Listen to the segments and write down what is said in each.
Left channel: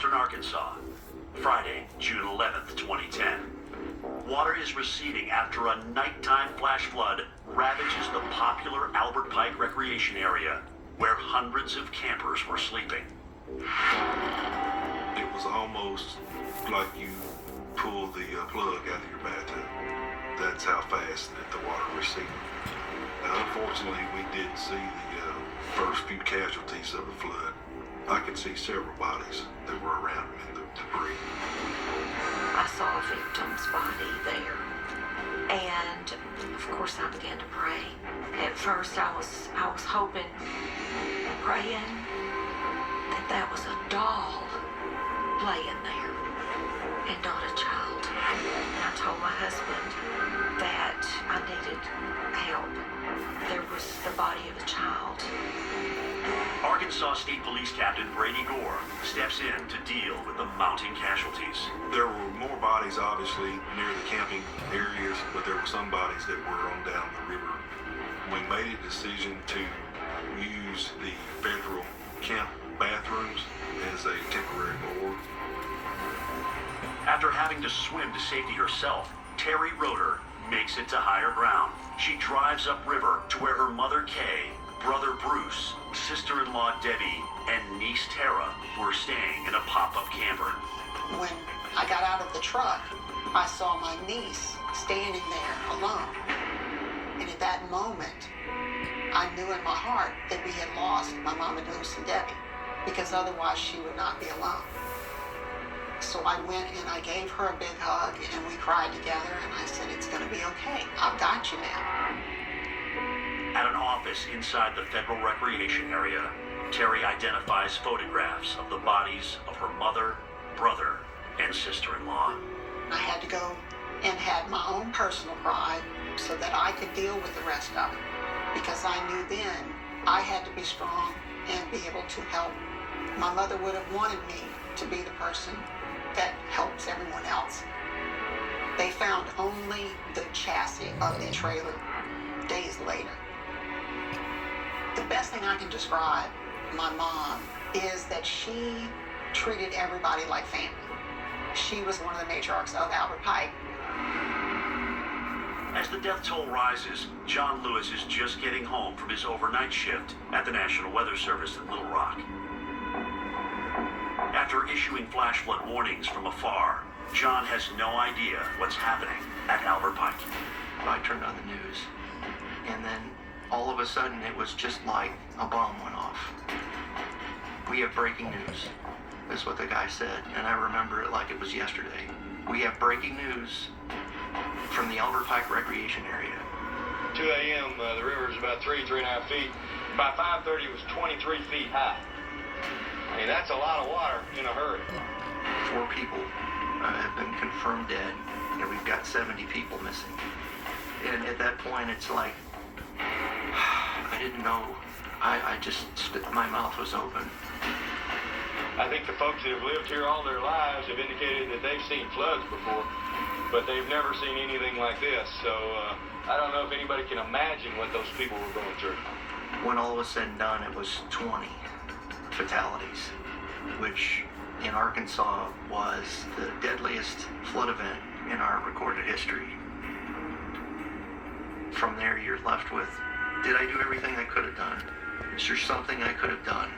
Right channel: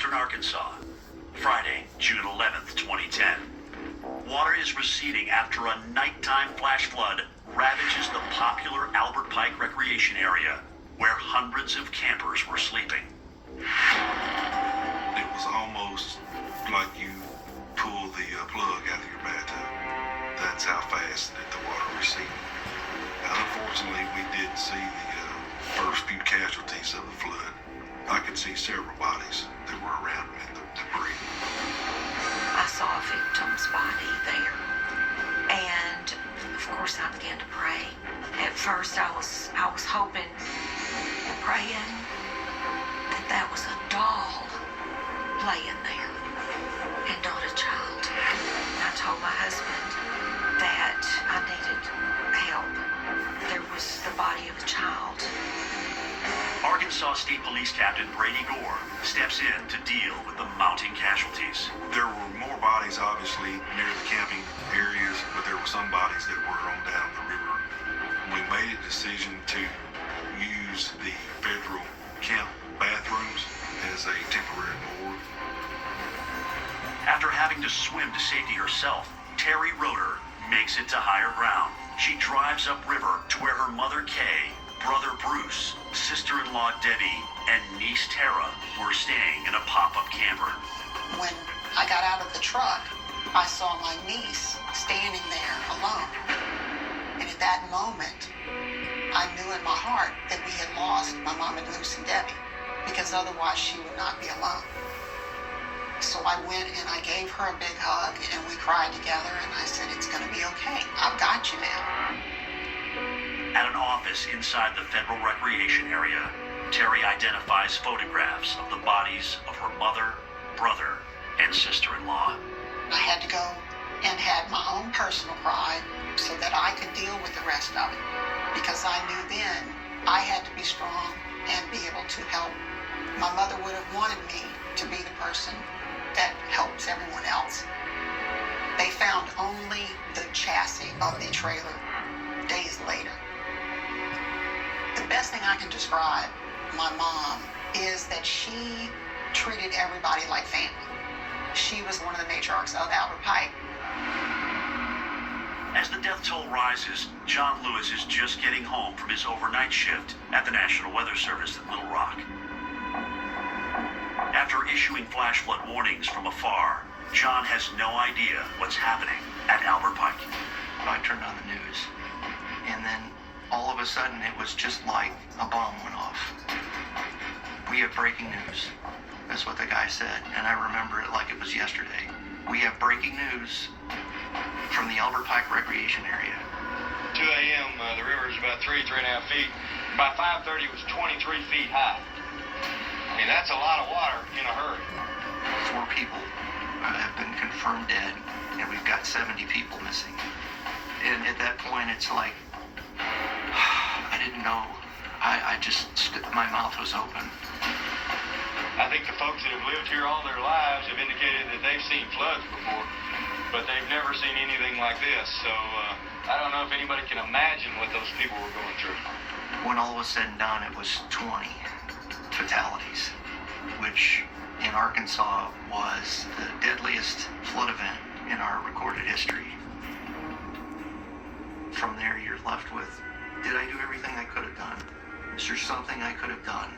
western Arkansas. Friday, June 11th, 2010. Water is receding after a nighttime flash flood ravages the popular Albert Pike recreation area, where hundreds of campers were sleeping. It was almost like you pull the plug out of your bathtub. That's how fast that the water receded. Unfortunately, we did see the first few casualties of the flood. I could see several bodies that were around in the debris. I saw a victim's body there, and of course I began to pray. At first I was hoping and praying that was a doll laying there and not a child. And I told my husband that I needed help. There was the body of a child. Arkansas State Police Captain Brady Gore steps in to deal with the mounting casualties. There were more bodies, obviously, near the camping areas, but there were some bodies that were on down the river. We made a decision to use the federal camp bathrooms as a temporary board. After having to swim to safety herself, Terry Roeder makes it to higher ground. She drives upriver to where her mother Kay, brother Bruce, sister-in-law Debbie, and niece Tara were staying in a pop-up camper. When I got out of the truck, I saw my niece standing there alone. And at that moment, I knew in my heart that we had lost my mom and Luce and Debbie, because otherwise she would not be alone. So I went and I gave her a big hug, and we cried together, and I said, "It's going to be okay. I've got you now." At an office inside the federal recreation area, Terry identifies photographs of the bodies of her mother, brother, and sister-in-law. I had to go and had my own personal pride so that I could deal with the rest of it, because I knew then I had to be strong and be able to help. My mother would have wanted me to be the person that helps everyone else. They found only the chassis of the trailer days later. The best thing I can describe my mom is that she treated everybody like family. She was one of the matriarchs of Albert Pike. As the death toll rises, John Lewis is just getting home from his overnight shift at the National Weather Service in Little Rock. After issuing flash flood warnings from afar, John has no idea what's happening at Albert Pike. I turned on the news, and then all of a sudden it was just like a bomb went off. "We have breaking news," is what the guy said, and I remember it like it was yesterday. "We have breaking news from the Albert Pike recreation area." 2 a.m., the river is about 3.5 feet. By 5:30, it was 23 feet high. I mean, that's a lot of water in a hurry. 4 people have been confirmed dead, and we've got 70 people missing. And at that point, it's like, I didn't know. My mouth was open. I think the folks that have lived here all their lives have indicated that they've seen floods before, but they've never seen anything like this. So I don't know if anybody can imagine what those people were going through. When all was said and done, it was 20 fatalities, which in Arkansas was the deadliest flood event in our recorded history. From there, you're left with, did I do everything I could have done? Is there something I could have done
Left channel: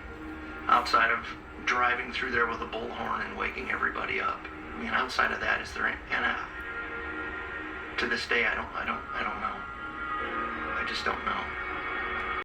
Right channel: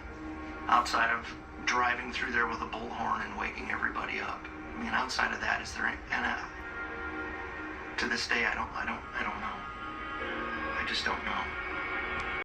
outside of driving through there with a bullhorn and waking everybody up? I mean, outside of that, is there? And to this day, I don't know. I just don't know.